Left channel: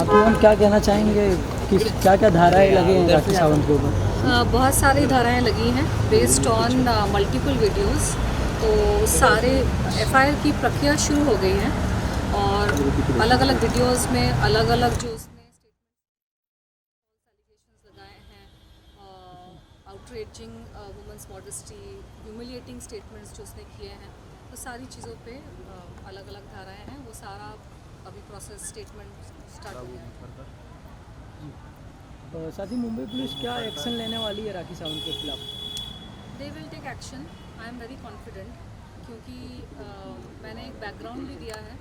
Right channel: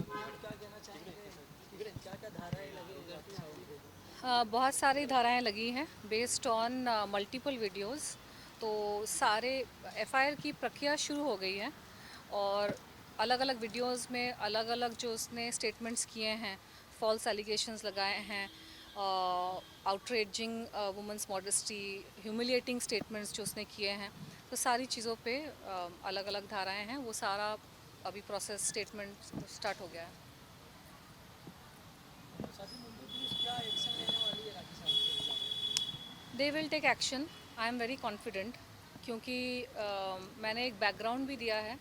तो मैम क्या कहना चाहेंगे कि क्या क्या धाराएं लगे हैं राखी सावंत के ऊपर? बहुत सारी धाराएं लगी हैं बेस्ड ऑन मल्टीपल वीडियोस। तो सारे एफआईआर की प्रक्रिया शुरू हो गई है और अलग अलग वीडियोस में अलग अलग जो उसने स्टेटमेंट्स किए हैं, फॉल्स एलिगेशंस लगाए हैं, outraging women's modesty, humiliating statements जो उसने किए हैं, तो सारी चीज़ों पे अलग अलग धाराएं हैं। वो सारा अभी प्रोसेस स्टेटमेंट स्टार्ट हो गया है। साथ ही मुंबई पुलिस क्या एक्शन लेने वाली है राखी सावंत के खिलाफ? They will take action, I am very confident, क्योंकि मैंने एक बैकग्राउंड भी दिया है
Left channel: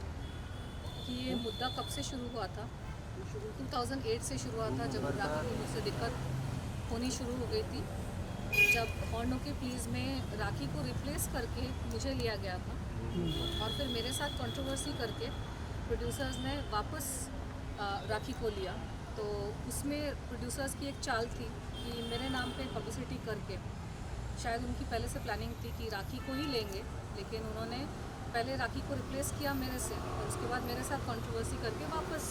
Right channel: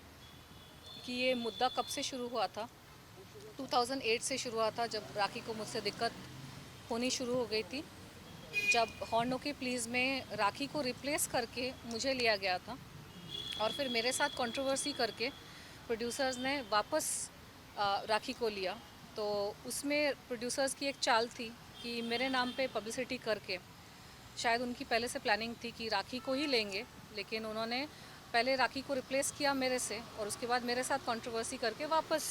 कि ये मुद्दा कब से शुरू हुआ था। 2008 से शुरू हुआ था, जब राखी को मुझसे दिक्कत होनी शुरू हो गई थी, जब हॉर्न ओके प्लीज़ में राखी को रिप्लेस करके मुझे लिया गया था और फिर मेरे साथ कंट्रोवर्सी करके प्रोड्यूसर्स ने वापस राखी को लिया। तो उसमें प्रोड्यूसर्स की एक चाल थी कि मेरे नाम पे पब्लिसिटी करके, शायद उनकी पहले से प्लानिंग थी कि राखी को ही लेंगे, लेकिन उन्होंने पहले राखी को रिप्लेस किया मेरे से और उसके बाद मेरे साथ कंट्रोवर्सी करके वापस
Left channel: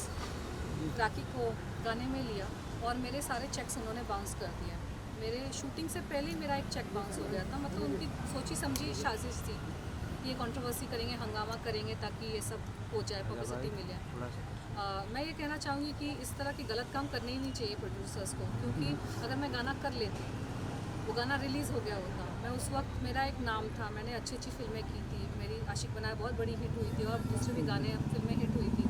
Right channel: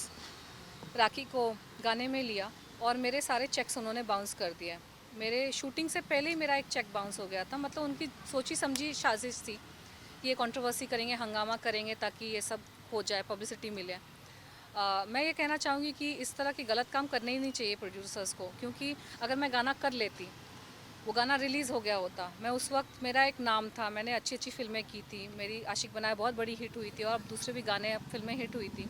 राखी को गाने में लिया और मेरे सारे चेक्स उन्होंने बाउंस कर दिया। मेरे शूटिंग से पहले ही मेरा एक चेक बाउंस हो गया था। मतलब उनकी सोची समझी साजिश थी, ये कंट्रोवर्सी करेंगे, हंगामा करेंगे ताकि ये सब हो जाए, पब्लिसिटी मिले। मैं ये कहना चाहूँगी कि इस तरह के गलत काम करने ही नहीं चाहिए प्रोड्यूसर्स को, क्योंकि अगर मैं गाना कर लेती, वो गाना रिलीज़ हो गया होता, मैं उस वक्त, मेरा एक नाम था, मैंने अच्छी अच्छी फिल्में की थी, मेरी आशिक बनाया बहुत बड़ी हिट हुई थी और दूसरे भी गाने फिल्में हिट हुई थी।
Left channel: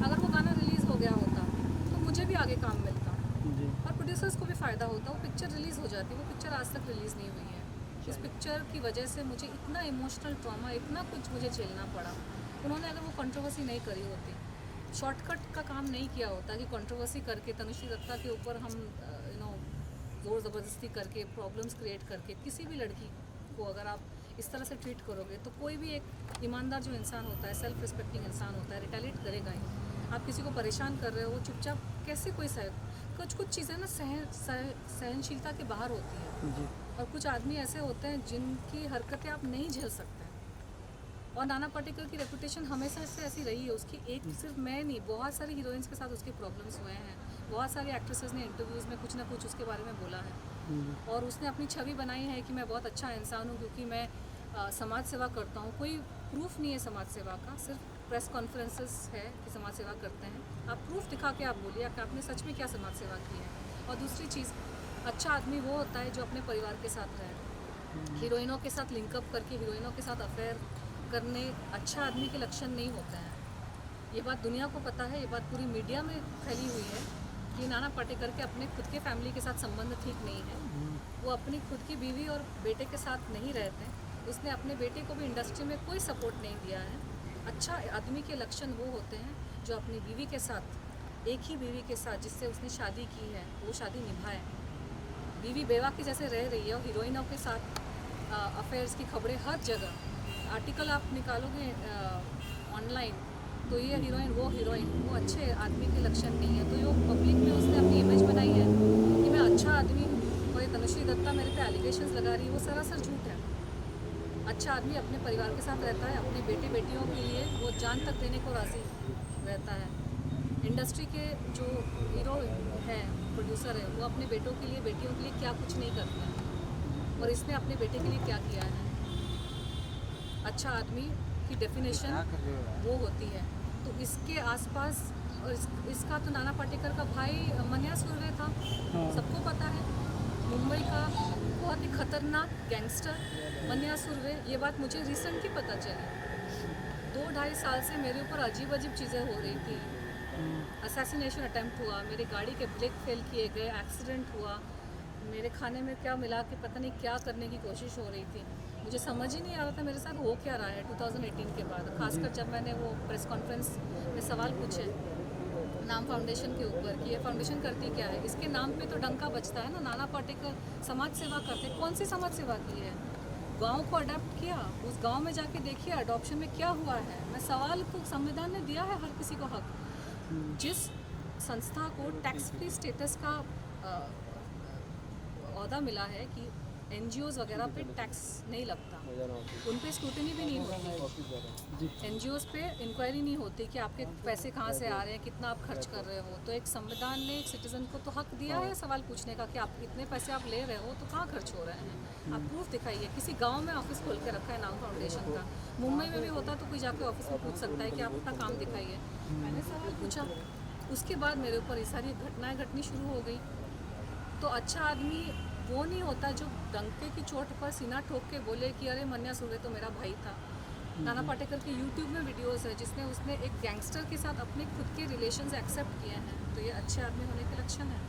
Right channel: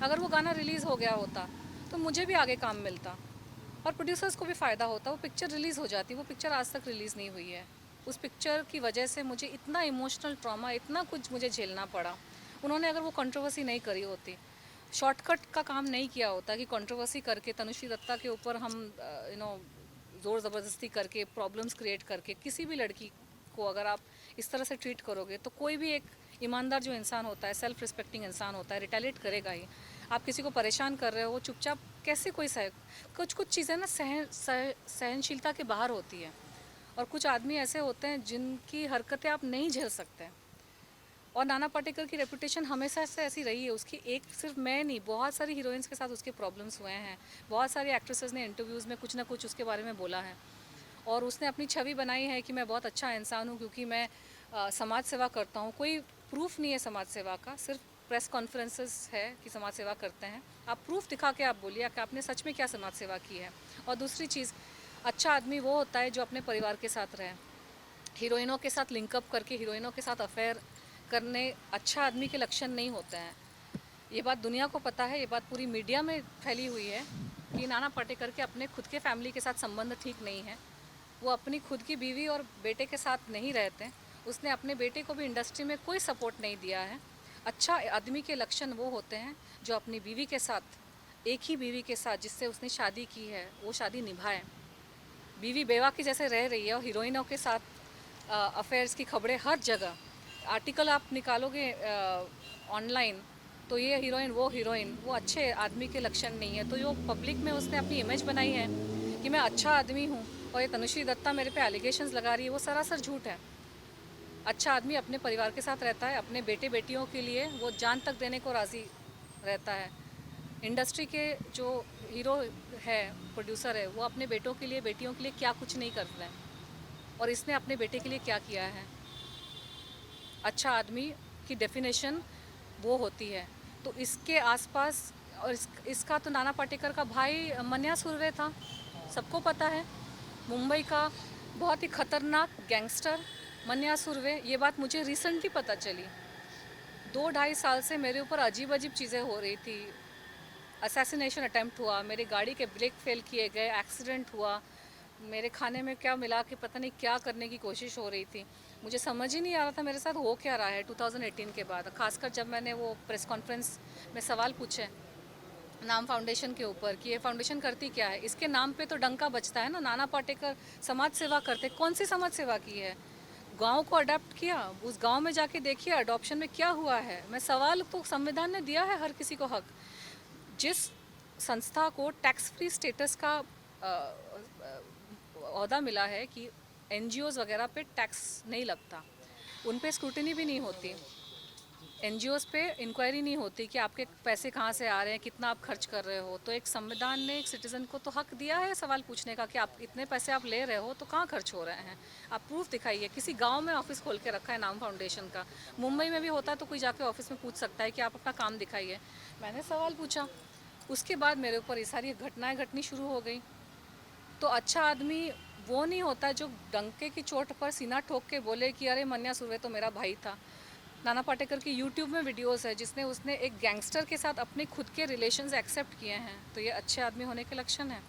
अगर वो गाना रिलीज़ हो गया होता तो मुझे भी आगे काम मिलता और प्रोड्यूसर्स को भी फ़ायदा होता। वो पिक्चर रिलीज़ हो जाती, वो पिक्चर आज तक रिलीज़ नहीं हुई है। उस पिक्चर की वजह से मुझे इतना इमोशनल ट्रॉमा, इतना कुछ मुझे झेलना पड़ा। उन्होंने अगर वो कंट्रोवर्सी नहीं करी होती, शॉर्टकट का काम नहीं किया होता कि कंट्रोवर्सी करके तनुश्री दत्ता के ऊपर हम ज़ोर ज़बरदस्ती करके, प्रॉब्लम्स क्रिएट करके किसी भी लड़की को अगर आप इस तरह से ट्रीट करोगे, तो कोई भी एक ईमानदार जो इंसान होता है, सेल्फ रिस्पेक्टिंग इंसान होता है, रिटेलिएट करेगा ही। आप किसी को परेशान कर रहे हो, वो चुपचाप कैसे कोई कुछ कुछ चीज़ें ना सहनशीलता के बाहर होती है और कुछ आदमी ऐसे होते हैं जिनकी हरकतें आप नहीं झेल सकते। और नाना पाटेकर की रेपुटेशन हमेशा से ऐसी रही है। उसकी एक सिर्फ मैं नहीं, बहुत सारी हीरोइंस के साथ उसके प्रॉब्लम्स हुए हैं। बहुत सारी एक्ट्रेसेस ने इंटरव्यूज़ में कुछ ना कुछ उसके बारे में बोला है और उसने अपनी छवि बनाई है कि मैं बहुत अच्छा इंसान हूँ क्योंकि मैं समाज सेवा करता हूँ। कोई प्रूफ नहीं है समाज सेवा का, सिर्फ प्रेस कॉन्फ्रेंसेस है कि समाज सेवा करते हैं। आप प्रूफ दिखा के आप बोलिए कि आपने सच में क्या समाज सेवा की है। और दूसरी चीज़, अच्छा आदमी वो होता है जो अपने परिवार के साथ रहे। हीरोइनों के साथ लिंकअप करके, हीरोइनों के साथ अफेयर करने अच्छा आदमी के लक्षण नहीं होते हैं। ये बात दुनिया को पता है, ये बात पूरी मीडिया में फैली हुई है कि नाना पाटेकर के अपने खुद के फैमिली के साथ संबंध ठीक नहीं है। वो अपनी खुद की बीवी और बेटे के साथ नहीं रहते। उसने अपने बेटे को भी इंडस्ट्री में कोई सपोर्ट नहीं दिया है। अच्छा आदमी के लक्षण वो होते हैं जो अपनी बीवी के साथ, एक ही बीवी के साथ जिससे उसने शादी की है, वो शादी निभाए। बीवी बेवा की जैसे रह रही है और हीरोइनों के साथ अफेयर्स की खबरें हर जगह, आर्टिकल आप निकालोगे ऑनलाइन तो ये हीरोइन वो हीरोइन, वो अच्छे आदमी के लक्षण नहीं है। तो जो पब्लिक में उसने अपनी इमेज बनाई है कि मैं अच्छा आदमी हूँ और ये तनुश्री दत्ता मेरे पे एलिगेशंस लगा रही है, वो सरासर झूठ है। अच्छा आदमी अपने परिवार के साथ रहता है, अपने बेटे बेटियों के लिए वो जान तक देने को राज़ी रहता है। इंडस्ट्री के जो हीरो है, प्रोड्यूसर है, वो अपने बेटों के लिए, बेटियों के लिए क्या कुछ नहीं करते हैं और इसने अपने बेटे के लिए क्या किया है। अच्छा आदमी की डेफिनेशन वो होती है। तो इसके आसपास और इसका तो नाना पाटेकर का भाई मन्या सुर्वे था, सबको पता है। मुंबई का बहुत ही खतरनाक गैंगस्टर मन्या सुर्वे। ये बात मुझे रिसेंटली पता चली। 2-2.5 साल से मेरे ऊपर अजीब अजीब चीज़ें हो रही थी। असैसिनेशन अटैम्प्ट हुआ, मेरी गाड़ी के ब्रेक फेल किए गए, एक्सीडेंट हुआ, मेरे खाने में क्या मिला के पता नहीं क्या करने की कोशिश हो रही थी। मुझे समझ ही नहीं आ रहा था मेरे साथ हो क्या रहा है 2018 के बाद, खासकर जब मैंने वो प्रेस कॉन्फ्रेंस में सवाल पूछे नाम फाउंडेशन के ऊपर कि ये फाउंडेशन करती क्या है। इसके नाम पे तो डंका बजता है ना, नाना पाटेकर समाज सेवा करते। कौन सी समाज सेवा की है? गांव को अडॉप्ट किया, उस गांव में जाके देखिए अडॉप्शन में क्या हुआ है। मैं सवाल, तो संविधान ने दिया है हर किसी को हक। जिस संस्था को टैक्स फ्री स्टेटस का ओहदा मिला है कि NGOs वगैरह पे टैक्स नहीं लगता, उन पे स्क्रूटनी भी नहीं होती, NGOs पे इंक्वायरी नहीं होती कि आपके पैसे कहाँ से आ रहे हैं, कितना आप खर्च कर रहे हो। तो एक संविधान ने एक सिटीज़न को तो हक दिया है सवाल पूछने का कि आप इतने पैसे आप ले रहे हो तो कहाँ खर्च हो रहे हैं, आप प्रूफ दिखाइए। किसी गाँव में ऑफिस खोल के रखा है नाम फाउंडेशन का, मुंबई में भी होता तो कोई जाके ऑफिस में पूछ सकता है कि आप अपना काम दिखाइए। मैंने सवाल पूछा, उसके बाद मेरे ऊपर ये सारी घटनाएं घटनी शुरू हो गई। तो अच्छा आदमी वो नहीं होता जो डंके की चोट पर सीना ठोक के बोले कि अरे मन्या सुर्वे तो मेरा भाई था। नाना पाटेकर की यूट्यूब में वीडियोस है जिसने उसने एक गैंगस्टर के साथ अपने खुद के रिलेशंस एक्सेप्ट किए हैं। तो ये अच्छे आदमी होने के लक्षण है।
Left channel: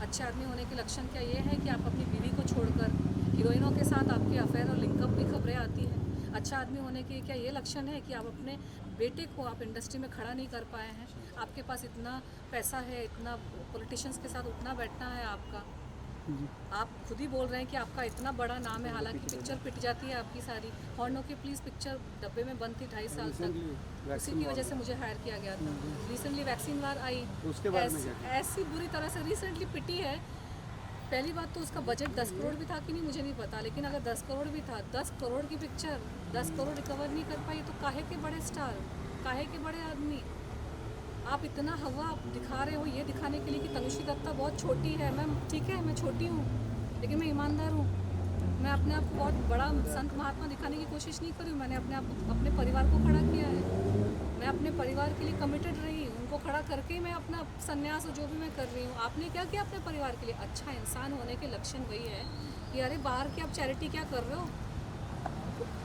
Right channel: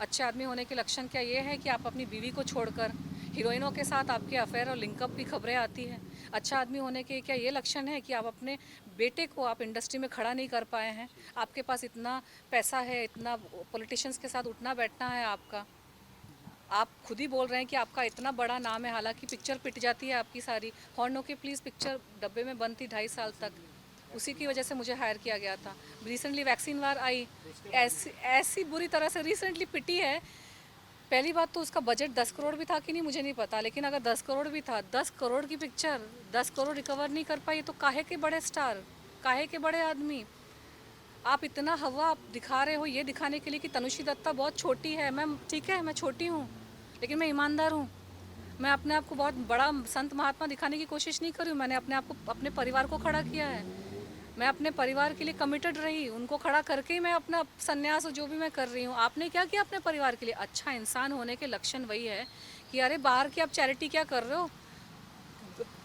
अच्छे आदमी होने के लक्षण क्या ये है कि आप अपनी बीवी को छोड़कर हीरोइनों के साथ आपके अफेयर और लिंकअप की खबरें आती हैं। अच्छा आदमी होने के क्या ये लक्षण है कि आप अपने बेटे को आप इंडस्ट्री में खड़ा नहीं कर पाए हैं, आपके पास इतना पैसा है, इतना पॉलिटिशियंस के साथ उठना बैठना है आपका, आप खुद ही बोल रहे हैं कि आपका इतना बड़ा नाम है, हालांकि पिक्चर पिट जाती है आपकी सारी। हॉर्नो की प्लीज़ पिक्चर डब्बे में बंद थी 2.5 साल तक, उसी की वजह से मुझे हायर किया गया था। रिसेंटली वैक्सीन वार आई, ऐसी बुरी तरह से रिसेंटली पिटी है। पहली बात तो उसका बजट 10 करोड़ भी था कि नहीं मुझे नहीं पता, लेकिन अगर 10 करोड़ भी था, 10 करोड़ की पिक्चर 10 करोड़ रिकवर नहीं कर पाई तो काहे के बड़े स्टार, काहे के बड़े आदमी। आप इतना हवा आप दिखा रहे हो ये दिखाने के लिए कि तनुश्री दत्ता बहुत छोटी है। मैं ठीक है, मैं छोटी हूँ लेकिन मैं ईमानदार हूँ। मैं अपने आप को बहुत बड़ा संत महात्मा दिखाने की कोशिश नहीं कर रही हूँ। मैंने अपने आप को, अपने परिवार को खड़ा किया है। मैं अपने परिवार के लिए कमिटेड रही, उनको खड़ा करके ही मैं अपना संन्यास जो भी मैं कर रही हूँ। आपने क्या किया अपने परिवार के लिए? अच्छा इंसान होने के लक्षण वही है कि अरे बाहर की आप चैरिटी क्या कर रहे हो,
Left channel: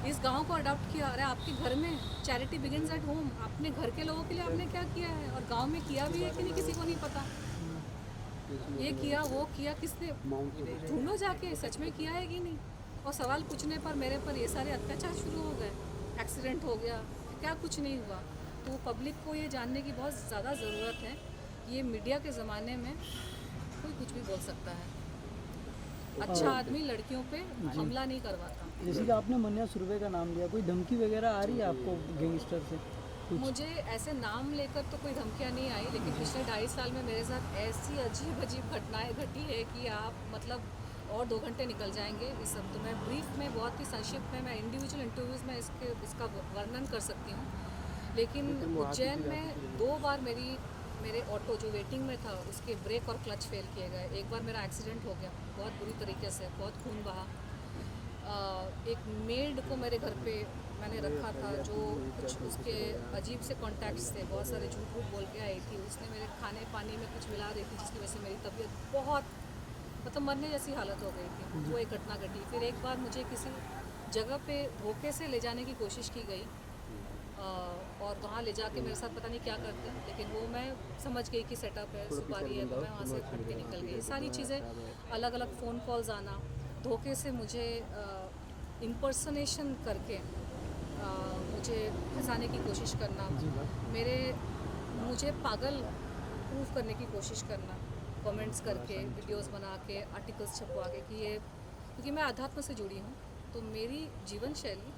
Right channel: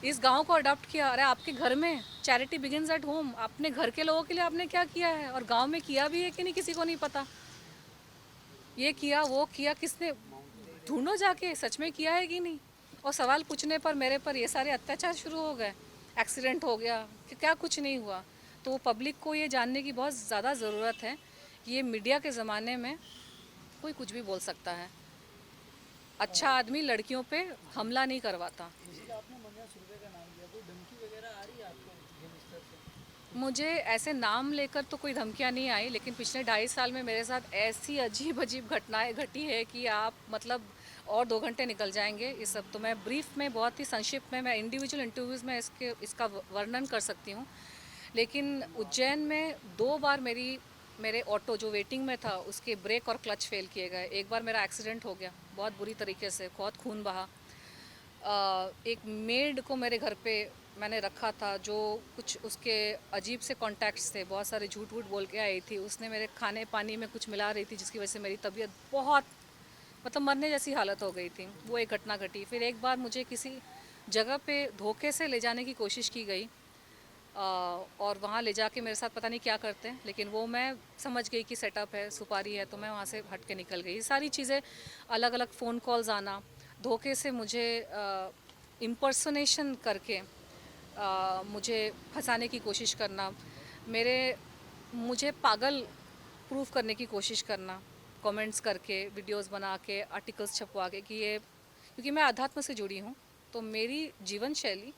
इस गांव को अडॉप्ट किया। अरे आपके घर में चैरिटी बिगिंस एट होम। अपने घर के लोगों के लिए आपने क्या किया है और गांव में किया भी है कि नहीं किसी को नहीं पता। ये किया वो किया, किसने, ढूंढो जाके सच में किया है कि नहीं। और सवाल पूछने पर मेरे पर ये सारे अत्याचार शुरू हो गए, एक्सीडेंट हो गया कि क्या कुछ नहीं हुआ। तो पब्लिक को ये जानने की बहुत ज़्यादा ज़रूरत है कि ये मीडिया के ज़माने में कोई कुछ भी बोल सकता है। अच्छा आदमी लड़कियों पे हमला नहीं करवाता। जैसे कि आपने मन्या सुर्वे का नाम लिया, कोई धमकी वगैरह आ रही है आपको गैंगस्टर से? मुझे ऐसे नाम लेकर तो कोई धमकियाँ नहीं आई, लेकिन पिछले 2.5 साल में मेरे साथ ऐसी अजीब अजीब घटनाएं घटी है कि आप मतलब और 2 घंटे निकल जाएंगे इस सब। तो मैं ब्रीफ में बहुत ही संक्षिप्त में मैं इंडिविजुअल इंटरव्यूज़ में इसका वर्णन कर सकती हूँ। लेकिन उज्जैन में 2 बार मेरे ऑटो जो वेटिंग में था उसके ब्रेक और क्लच फेल किए गए। एक बार मेरा एक्सीडेंट हो गया बहुत बुरी तरीके से, बहुत खून बहा। एक मेड को मेरे घर पे मैंने रखा था जो कुछ उसके अजीब से कॉन्टैक्ट्स थे, बहुत सारे झूठ वूठ बोल के आई थी। उसने मेरे खाने पानी में कुछ मिला रही थी जिसकी वजह से मेरी तबीयत बहुत मतलब मरने जैसी हालत हो गई थी। वो एक घटना घटी। फिर एक बार मुझे किसी जगह पे धोखे से ले जाने की कोशिश की गई और वहाँ ले जाके मेरे साथ पता नहीं क्या करते हैं, लेकिन वो मैं समझ गई कि सेटअप है, सुपारी है, तो मैं वहाँ से हट के निकल गई। ये सारी चीज़ें, अलग अलग फ़ोन कॉल्स आना, धोखे से मुझे इम्पर्सनेशन करके मुझे फंसाने की कोशिश करना, मुझे पागल प्रूफ करने की कोशिश करना, कमेंट्स करके, वीडियोस बना के, आर्टिकल्स छपवा के कि ये, क्योंकि मैं अध्यात्म से जुड़ी हूँ तो मेरी जीवन शैली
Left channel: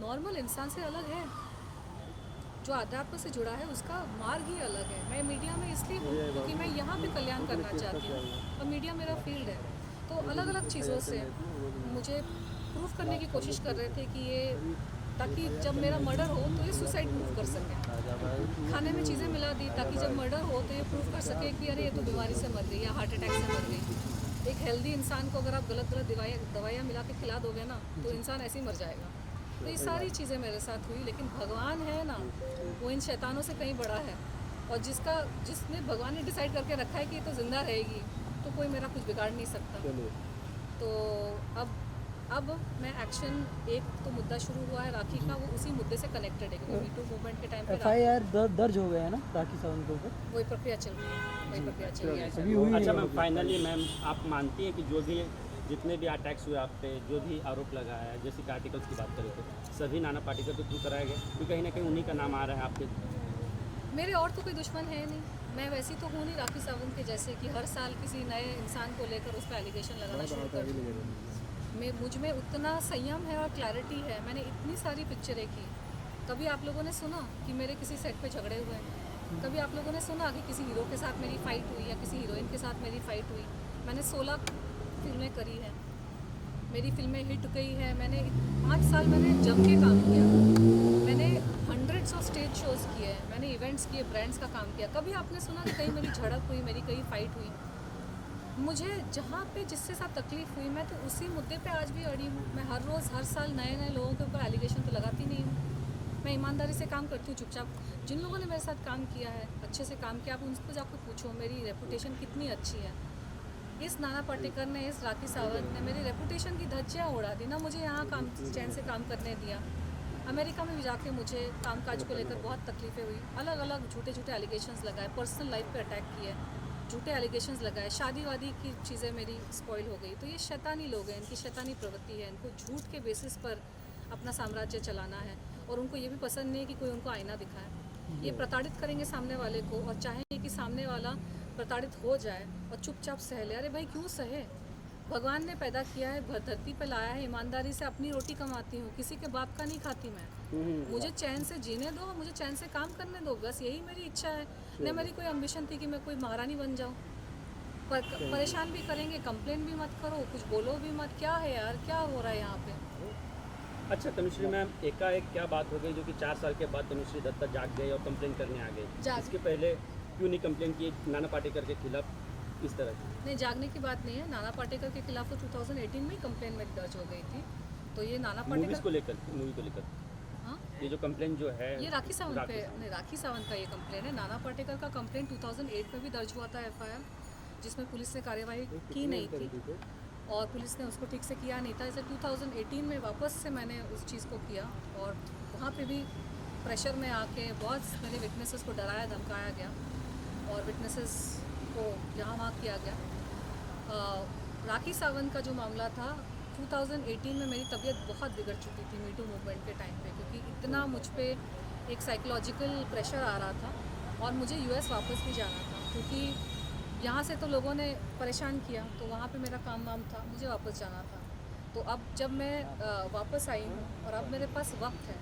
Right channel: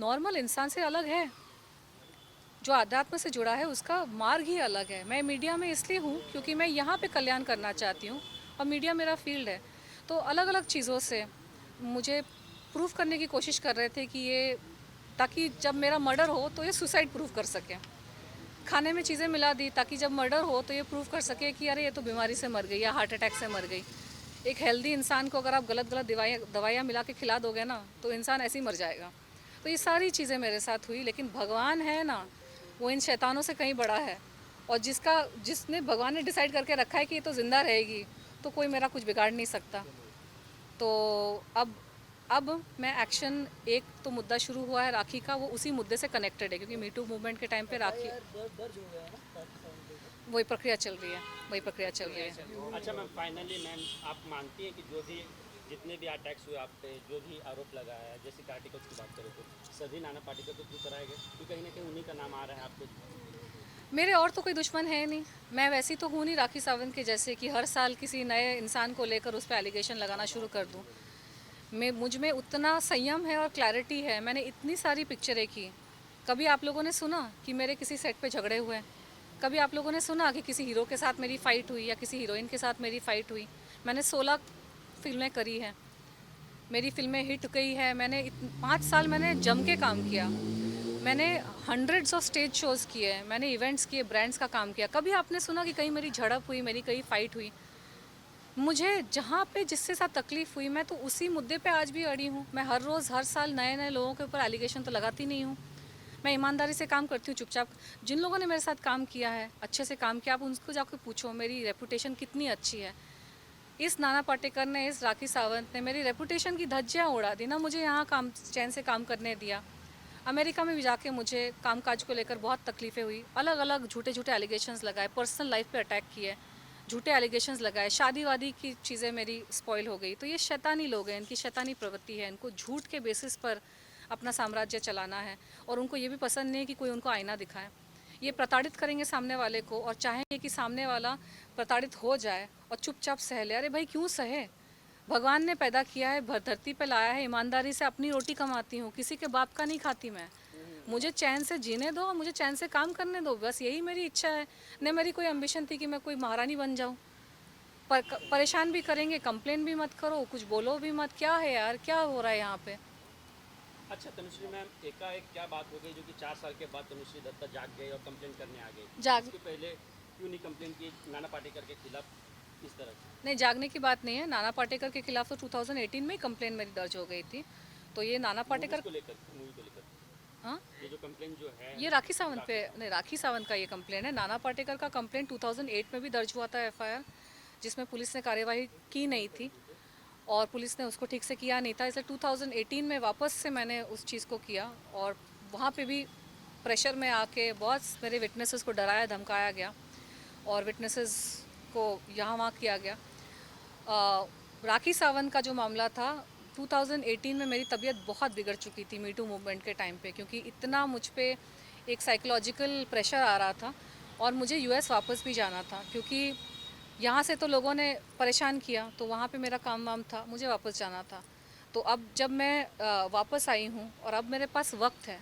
नॉर्मल इंसान से अलग है। जो अध्यात्म से जुड़ा है उसका मार्ग ही अलग है। मैं मीडिया में इसलिए हूँ क्योंकि मैं यहाँ पे कल्याण करना चाहती हूँ और मीडिया मेरा फील्ड है। तो अलग अलग चीज़ों से मुझे प्रूफ करने की कोशिश कर रहे थे कि ये, ताकि जब मेरा मर्डर हो तो ये सुसाइड प्रूफ कर सके। खाने में चीज़ें मिला दी ताकि जब मर्डर हो तो ये प्रूफ कर सके कि अरे ये तो बीमारी से मर गई या हार्ट अटैक से मर गई। एक हेल्दी इंसान को अगर आप गलत दवाइयाँ मिला के खिला दोगे ना तो इंसान ऐसे ही मर जाएगा। तो ये सारी चीज़ें मेरे साथ हुई, लेकिन भगवान है ना, वो इन शैतानों से कहीं बड़ा है। और जिसने भगवान ने डिसाइड करके रखा है कि ये तो ज़िंदा रहेगी तो कोई मेरा कुछ बिगाड़ नहीं सकता। तो अब मैं एक्शन, एक तो मुद्दा शुरू हुआ है राखी का, वो उसी मुद्दे से कनेक्टेड है क्योंकि मीटू मूवमेंट के टाइम पे FIR दर्ज हो गया है ना राखी सावंत के ऊपर? वही प्रक्रिया चल रही है। अच्छा मैम, फाइनली मैम आप मानती हैं कि जो भी जितने भी अटैक्स हुए आप पे, जो भी आरोप लगाया है, जैसे कि आर्टिकल्स की बात करें तो सभी नाना पाटेकर के थ्रू कराए गए, क्योंकि कहीं ना कहीं उन्हीं का नाम आ रहा है आपके? मेरे और तो कोई दुश्मन है नहीं। मैं वैसी तो हूँ नहीं राखी सावंत के जैसे कि हर साल किसी नए इंसान को लेकर उस पर एलिगेशन लगाना शुरू कर दूँ। मुझ में उतना संयम है और क्लैरिटी है। मैंने इतनी सारी पिक्चरें की। कभी आप लोगों ने सुना कि मेरे किसी सेट पे झगड़े हुए हैं? कभी आप लोगों ने सुना कि किसी हीरो के साथ मेरी फ़ाइट हुई या किसी हीरोइन के साथ मेरी फ़ाइट हुई? मैंने 16 फिल्में करी हैं। मेरी फिल्में हिट गई है। मैंने 5 साल मैंने जम के काम किया। मैंने हंड्रेड्स ऑफ स्टेज शोज़ किए हैं, मैंने इवेंट्स किए, ब्रांड्स का काम किया। कभी आपने सुना कि कहीं मेरी झड़प हुई, मेरी कहीं फ़ाइट हुई? मुझे जहाँ पे जिसके साथ तकलीफ़ हुई, मैं तो उसी मुद्दे पे आज भी अड़ी हूँ। मैं हर रोज़ हर साल नए नए लोगों के ऊपर एलिगेशन तो लगाती नहीं हूँ। मैं ईमानदारी से काम करती हूँ चुपचाप। जिन लोगों ने मेरे साथ काम किया है, अच्छे से काम किया, आप उनको जाकर पूछो मेरी रेपुटेशन कितनी अच्छी है। इस नाना पाटेकर ने, इस राखी सावंत ने मेरी रेपुटेशन की धज्जियाँ उड़ा दी ना मुझे यहाँ काम चैन से काम करने दिया। अमेरिका में भी जाके मुझे कामकाज को लेकर बहुत तकलीफ़ें हुई। अलग अलग झूठे झूठे एलिगेशंस लगाए, पर्सनल लाइफ पे अटैक किए, झूठे एलिगेशंस लगाए, शादी वादी की चीज़ें मेरी स्पॉइल हो गई। तो ये शैतानी लोग हैं, इनकी शैतानी प्रवृत्ति है। इनको झूठ के बेसिस पर अपना साम्राज्य चलाना है और उनको ये भी पसंद नहीं है कि कोई उनको आईना दिखाए। ये प्रताड़ित करेंगे सामने वाले को और चाहेंगे कि सामने वाला प्रताड़ित हो जाए और चुपचाप सह ले। अरे भाई क्यों सहे? भगवान ने पैदा किया है, धरती पे लाया है, ईमानदारी से अपनी रोटी कमाती हूँ, किसी के बाप का नहीं खाती मैं। मुझे चैन से जीने दो और मुझे चैन से काम करने दो, बस यही मेरी इच्छा है। न मेरी कोई एम्बिशन थी कि मैं कोई महारानी बन जाऊँ। परेशान भी करेंगे, कंप्लेन भी मत करो, कुछ बोलो भी मत। क्या है यार, क्या हो रहा है यहाँ पे? अच्छा तनुश्री मैम, एकाएक क्या बात हो गई जो कि 4 साल के बाद तनुश्री दत्ता जाग गई और कंप्लेन करने आ गई? इसके पहले क्यों नहीं कंप्लेन की नाना पाटेकर के खिलाफ इस तरह की? नहीं, जागने की बात नहीं है। नाना पाटेकर के खिलाफ तो 2018 में ही कंप्लेन मेरी दर्ज हो गई थी। तो ये नाना पाटेकर को लेकर, मूवी को लेकर, हाँ, ये जो कंप्लेन जो है ये राखी सावंत पे, नहीं राखी सावंत का ये कंप्लेन है। नाना पाटेकर का कंप्लेन 2008 में भी दर्ज हुआ था FIR, जिसमें पुलिस ने कार्यवाही की नहीं थी और पुलिस ने उसको ठीक से किया नहीं था। इसलिए 2018 में वापस से मैंने उस चीज़ को किया और वहाँ पे भी प्रेशर में आके बहुत मेरे विटनेसेस को डराया धमकाया गया और विटनेसेस को यहाँ वहाँ किया गया। राखी सावंत का जो मामला था 2018 में मेरी तबीयत बहुत बिगड़ चुकी थी मीटू मूवमेंट के टाइम पे, क्योंकि इतना मुझ पे एक साइकोलॉजिकल प्रेशर आ रहा था और मुझे US वापस भी जाना था, क्योंकि यहाँ से तो लोगों ने परेशान किया, तो वहाँ पे मेरा काम वाम था, मुझे वापस जाना था। तो अब जब मैं वापस आई हूँ और अब मेरे पास वक्त है,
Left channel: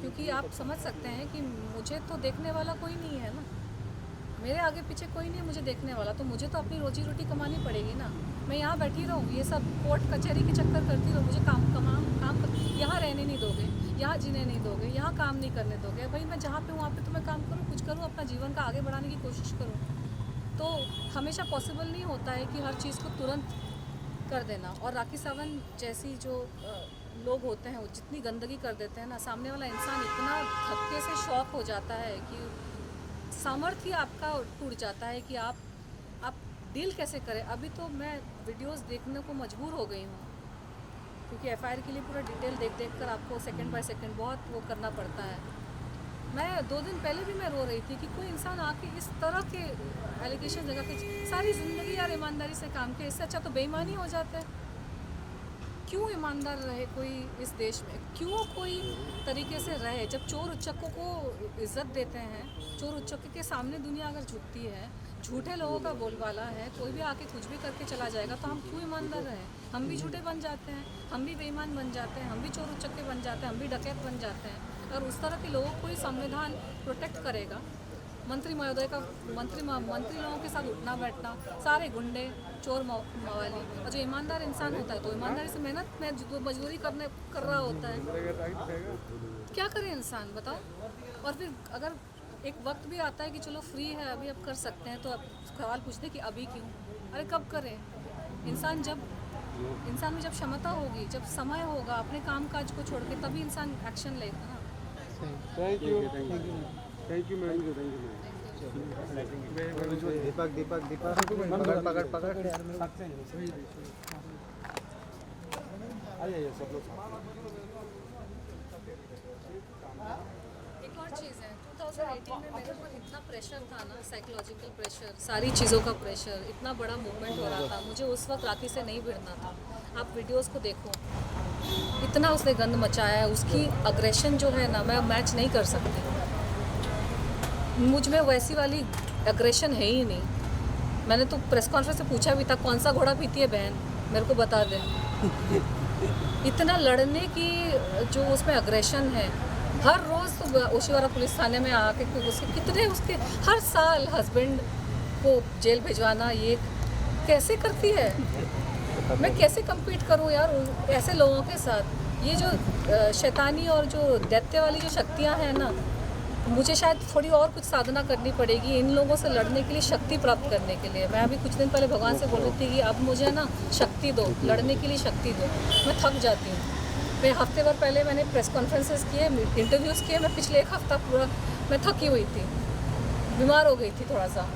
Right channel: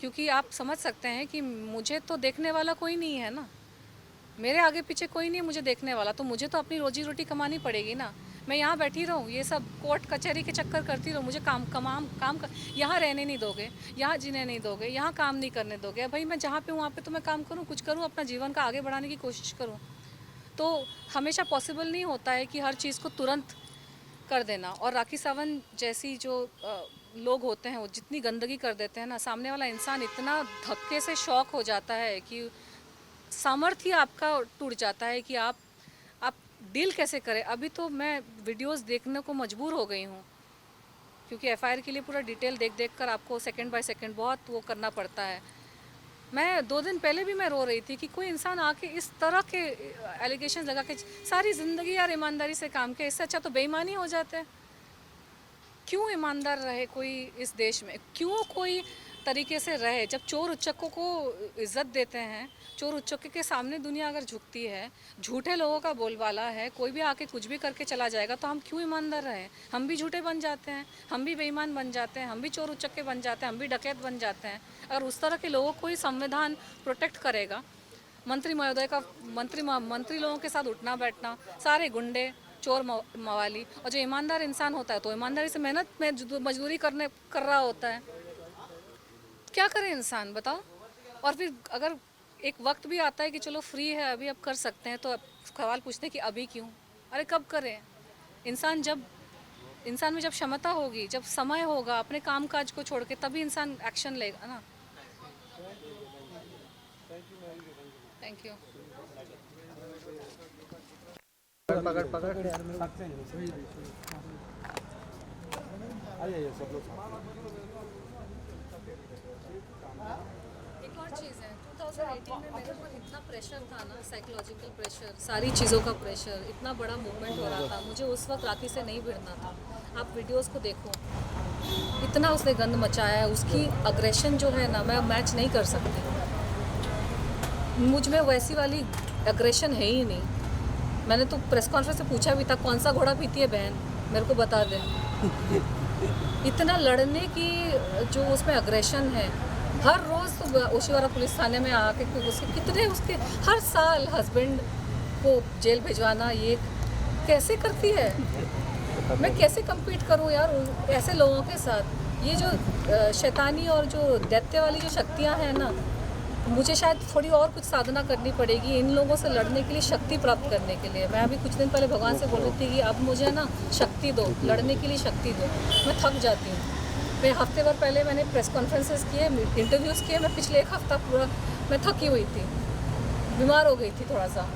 क्योंकि आप समझ सकते हैं कि मुझे तो देखने वाला कोई नहीं है ना, मेरे आगे पीछे कोई नहीं मुझे देखने वाला, तो मुझे तो अपनी रोजी रोटी कमानी पड़ेगी ना। मैं यहाँ बैठी रहूँ, ये सब कोर्ट कचहरी के चक्कर करती रहूँ, मुझे यहाँ रहने नहीं दोगे, यहाँ जीने नहीं दोगे, यहाँ काम नहीं करने दोगे। भाई मैं जहाँ पे हूँ वहाँ पे तो मैं काम करूँ, कुछ करूँ, अपना जीवन का आगे बढ़ाने की कोशिश करूँ। तो हमेशा पॉसिबल नहीं होता है कि हर चीज़ को तुरंत कर देना। और राखी सावंत जैसी जो लोग होते हैं वो जितनी गंदगी कर देते हैं ना, सामने वाला इंसान इतना धक्के से शॉक हो जाता है कि सामर्थ्य आपका टूट जाता है कि आप डील कैसे करें। अभी तो मैं वीडियोस देखने को मजबूर हो गई हूँ, क्योंकि FIR के लिए पूरा डिटेल देख कर आपको सेकंड बाय सेकंड बहुत वो करना पड़ता है। मैं 2 दिन पहले भी मैं रो रही थी कि कोई इंसान आके इस तरह के एलिगेशन लगा के सारी ज़िंदगी यार ईमानदारी से काम किया, इससे अच्छा तो बेईमानी हो जाता है। क्यों ईमानदार रहे कोई इस देश में? क्यों कोई तरीके से रहे? जब चोर उच्चकों को इज्जत देते हैं, चोर उच्चकों के सामने दुनिया अगर झुकती है, झूठे लोगों का बोलबाला है, कोई भी आके कुछ भी करके चला जाएगा, तो हम क्यों ईमानदार रहे? हम भी झूठे बन जाते हैं, हम भी बेईमान बन जाते हैं, हम भी चोर उच्चके बन जाते हैं, हम भी डकैत बन जाते हैं। अगर उस तरह के लोगों को ही संविधान प्रोटेक्ट करेगा, मंत्री महोदय का मंत्री लोगों के साथ उठना बैठना, सारे गुंडे चोर मवाली, और जो ईमानदार इंसान होता है तो ईमानदारी से मेहनत में मजदूरी कर रहा होता है, क्या करे इंसान बताओ? और फिर अगर एक वक्त भी आता है कि चलो फ्री है अभी अब कर सकते हैं, तो अब सवाल पूछते हैं कि अभी क्यों? अरे कब करें? इंसान में जब क्षमता होगी, जब समय होगा अपने काम काज को छोड़ के, तभी इंसान एक्शन लेगा ना। Thank you ma'am. Thank you. Deepak पकड़ आइए सब लोग। एक और चीज़ है, 2018 में मेरे ऊपर इतना प्रेशर था ना, साइकोलॉजिकल प्रेशर, सारी चीज़ों का प्रेशर, इतना बड़ा मूवमेंट हो रहा था, मुझे उस वक्त राखी से नहीं भिड़ना था। आप वीडियोस को देखो, इतना उसने गंद मचाया है, उसकी अग्रेशन जो है ना, मैं मैच नहीं कर सकती। मुझ में वैसी वाली अग्रेशन है ही नहीं। मैंने तो प्रेस कॉन्फ्रेंस में पूछा भी था, कौन सा घोड़ा पीती है बहन, मेरे को बता दे। इतना लड़ने की जो उसमें अग्रेशन है, हर रोज़ तो ओशीवारा पुलिस थाने में आके उसके हर साल हस्बैंड को जेल भिजवाना, ये कैसे करती है? मैं कैसे compete करूं यार ऐसे लोगों के साथ। ये जो शैतानी और जो दैत्य वाली जो शक्तियां हैं ना, मुझे शायद थोड़ी और कुछ साधना करनी पड़ेगी इन लोगों से लड़ने के लिए, शक्ति प्राप्त करने के लिए। मैं अभी कुछ दिन पहले भगवान से बोल रही थी कि अब मुझे ना शक्ति दो, लड़ने के लिए शक्ति दो। मैं थक जाती हूँ। मैं हफ्ते भर पहले मैंने प्रेस कॉन्फ्रेंसेस किए, इंटरव्यूज़ किए। मैं पिछले एक हफ्ता पूरा मैं थकी हुई थी, बीमार हो गई थी, थोड़ा सा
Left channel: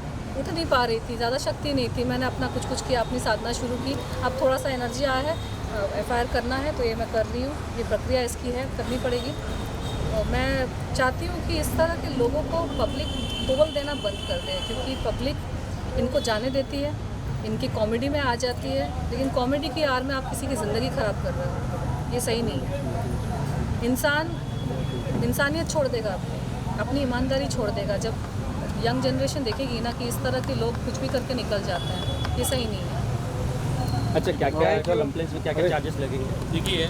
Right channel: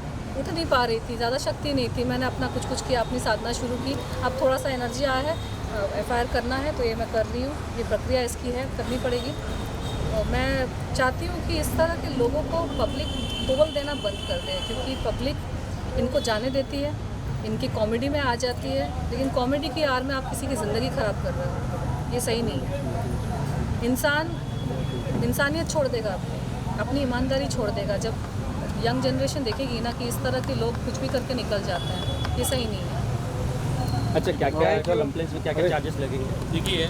उठ नहीं पा रही थी, ज़्यादा शक्ति नहीं थी। मैंने अपना कुछ किया, अपनी साधना शुरू की। अब थोड़ा सा एनर्जी आया है, FIR करना है तो ये मैं कर रही हूँ। ये प्रक्रिया इसकी है, करनी पड़ेगी। और मैं चाहती हूँ कि इस तरह के लोगों को पब्लिक बोल देना बंद कर दे, क्योंकि पब्लिक इनको जाने देती है, इनकी कॉमेडी में आ जाती है। लेकिन कॉमेडी की आड़ में आप किसी की ज़िंदगी ख़राब कर रहे हो, ये सही नहीं है। इंसान इंसानियत छोड़ देगा, अपनी ईमानदारी छोड़ देगा जब यंग जनरेशन देखेगी ना कि इस तरह के लोग कुछ भी करके निकल जाते हैं। ये सही नहीं है। अच्छा, क्या क्या कंप्लेंट्स में क्या क्या चार्जेस लगेंगे? देखिए,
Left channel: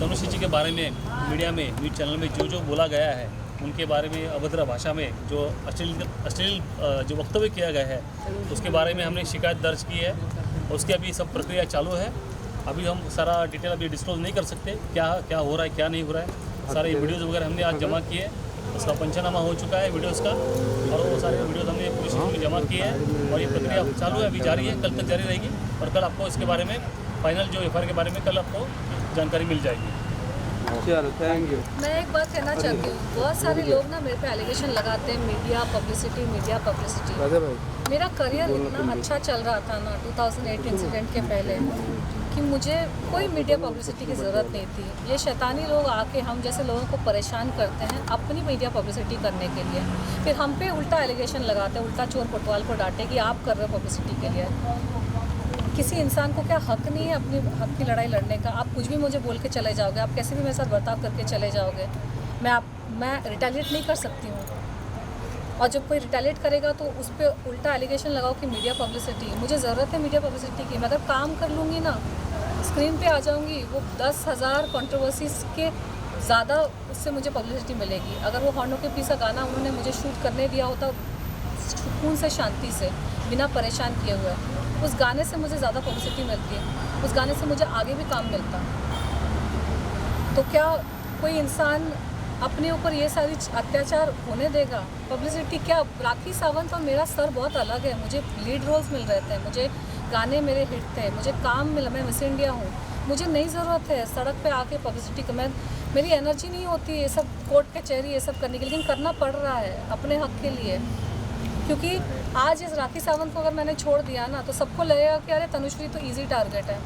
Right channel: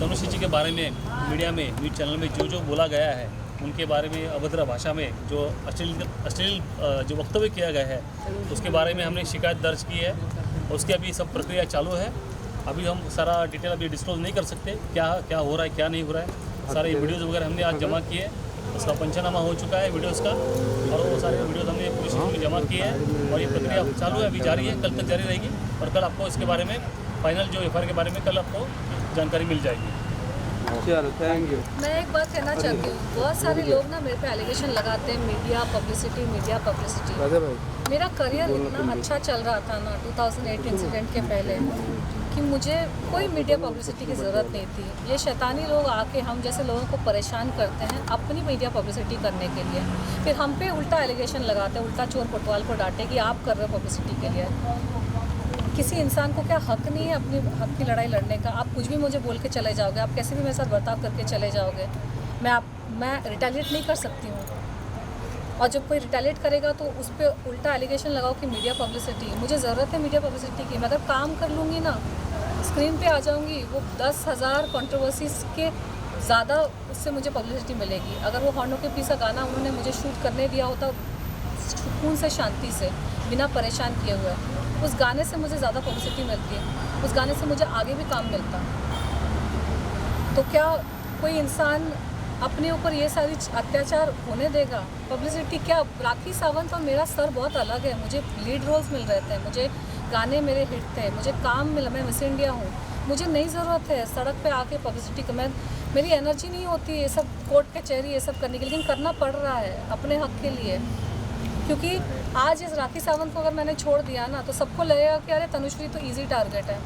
तनुश्री जी के बारे में मीडिया में, न्यूज़ चैनल में जो जो बोला गया है, उनके बारे में अभद्र भाषा में जो अश्लील जो वक्तव्य किया गया है, उसके बारे में हमने शिकायत दर्ज की है। उसकी अभी सब प्रक्रिया चालू है। अभी हम सारा डिटेल अभी डिस्क्लोज नहीं कर सकते, क्या क्या हो रहा है, क्या नहीं हो रहा है। सारे वीडियोज़ वगैरह हमने आज जमा किए, उसका पंचनामा हो चुका है वीडियोज़ का, और वो सारे वीडियोज़ हमने पुलिस में जमा किए हैं। और ये प्रक्रिया चालू है, अभी जारी है, कल तक जारी रहेगी। और कल आपको इसके बारे में फाइनल जो FIR के बारे में कल आपको जानकारी मिल जाएगी। चलो, थैंक यू। मैं एक बात कहना चाहती हूँ, बहुत सारे लोग ना मेरे पे एलिगेशन लगाते हैं, मीडिया पब्लिसिटी। राजा भाई, मेरा करियर इतना अच्छा चल रहा था ना 2008 इंसिडेंट के पहले, कि मुझे कोई मीडिया पब्लिसिटी की ज़रूरत नहीं थी। ये शैतानी लोग आके हम जैसे लोगों को परेशान करते हैं अपनी मीडिया पब्लिसिटी करने के लिए, फिर हम पे उल्टा एलिगेशन लगाते हैं, उल्टा चोर कोतवाल को डांटे कि आप कर रहे हो पब्लिसिटी के लिए। किसी इंसान को क्या हक नहीं है अपनी हक की लड़ाई लड़ने का? आप कुछ भी मुझे बोल के चले जाओगे, आप कैसे भी मेरे साथ बर्ताव करके चले जाओगे, मैं रिटेलिएट नहीं कर सकती हूँ। और जब कोई रिटेलिएट करेगा तो उस पर उल्टा एलिगेशन लगाओ कि मीडिया पब्लिसिटी। मुझे ज़रूरत है मीडिया पब्लिसिटी की। मैं अगर काम कर लूँगी ना, स्क्रीन पे आ जाऊँगी, वो 10,000 कंट्रोवर्सीज़ के ज़्यादा उससे मुझे पब्लिसिटी मिलेगी। अगर वो हॉर्नों के पीछे गाना उन्होंने मुझे शूट करने दिया होता सुकून से, शांति से, बिना परेशान किए हुए, उस गाने से मुझे ज़्यादा पब्लिसिटी मिलती है, उस गाने से मुझे आगे भी काम मिलता। तो क्या कोई इंसान अपने ऊपर ये सारी अत्याचार होने देगा? पब्लिसिटी क्या? राखी सावंत और मेरा स्तर बहुत अलग है। मुझे लीड रोल्स मिल रहे थे, मुझे गाने मेरे हिट थे, मुझे काम मिला, मैं मिस इंडिया हूँ। मुझे नहीं ज़रूरत है सड़क पे आके पब्लिसिटी का। मेरी एनर्जी नहीं होती है ये सब कोर्ट कचहरी ये सब करने के लिए, लेकिन करना पड़ रहा है अपने हक के लिए। क्योंकि आज इस राखी सावंत को अगर मैंने छोड़ दिया ना, तो सबको लगेगा कि अरे तनुश्री तो ईजी टारगेट है,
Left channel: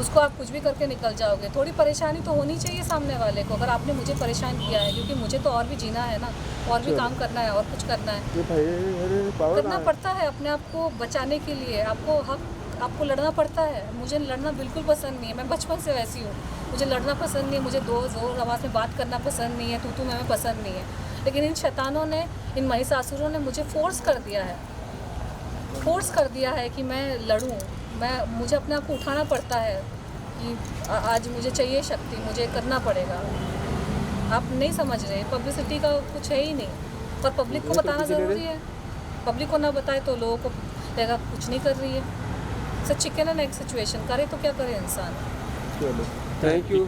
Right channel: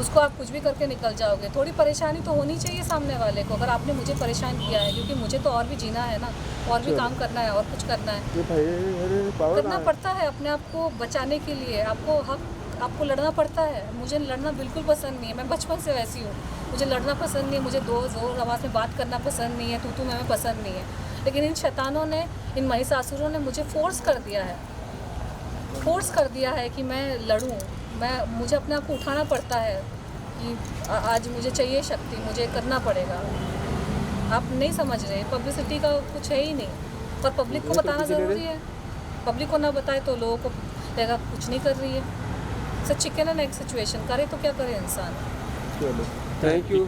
उसको आप कुछ भी करके निकल जाओगे। थोड़ी परेशानी तो होनी चाहिए सामने वाले को। अगर आपने मुझे परेशान किया है, क्योंकि मुझे तो और भी जीना है ना, और भी काम करना है, और कुछ करना है, करना पड़ता है अपने आप को बचाने के लिए। आपको लड़ना पड़ता है। मुझे लड़ना बिल्कुल पसंद नहीं है, मैं बचपन से वैसी हूँ। मुझे लड़ना पसंद नहीं है, मुझे जोर आवाज़ में बात करना पसंद नहीं है, तू मैं पसंद नहीं है। लेकिन इन शैतानों ने, इन महिषासुरों ने मुझे फोर्स कर दिया है कि मैं लड़ूं। मुझे अपने आप को उठाना पड़ता है कि आज मुझे चाहिए शक्ति, मुझे करना पड़ेगा। आप नहीं समझ रहे, पब्लिसिटी का कुछ है ही नहीं। पर पब्लिक को बताना ज़रूरी है। पब्लिक को ना बताए तो लोगों को लगेगा कुछ नहीं कर रही है। So chicken and egg situation, करे तो क्या करे इंसान। चलो, थैंक यू।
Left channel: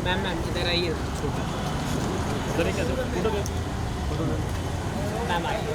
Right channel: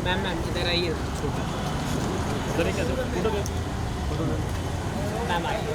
मैम इधर आइए, उधर ही कैसे फोटो मैम आइए।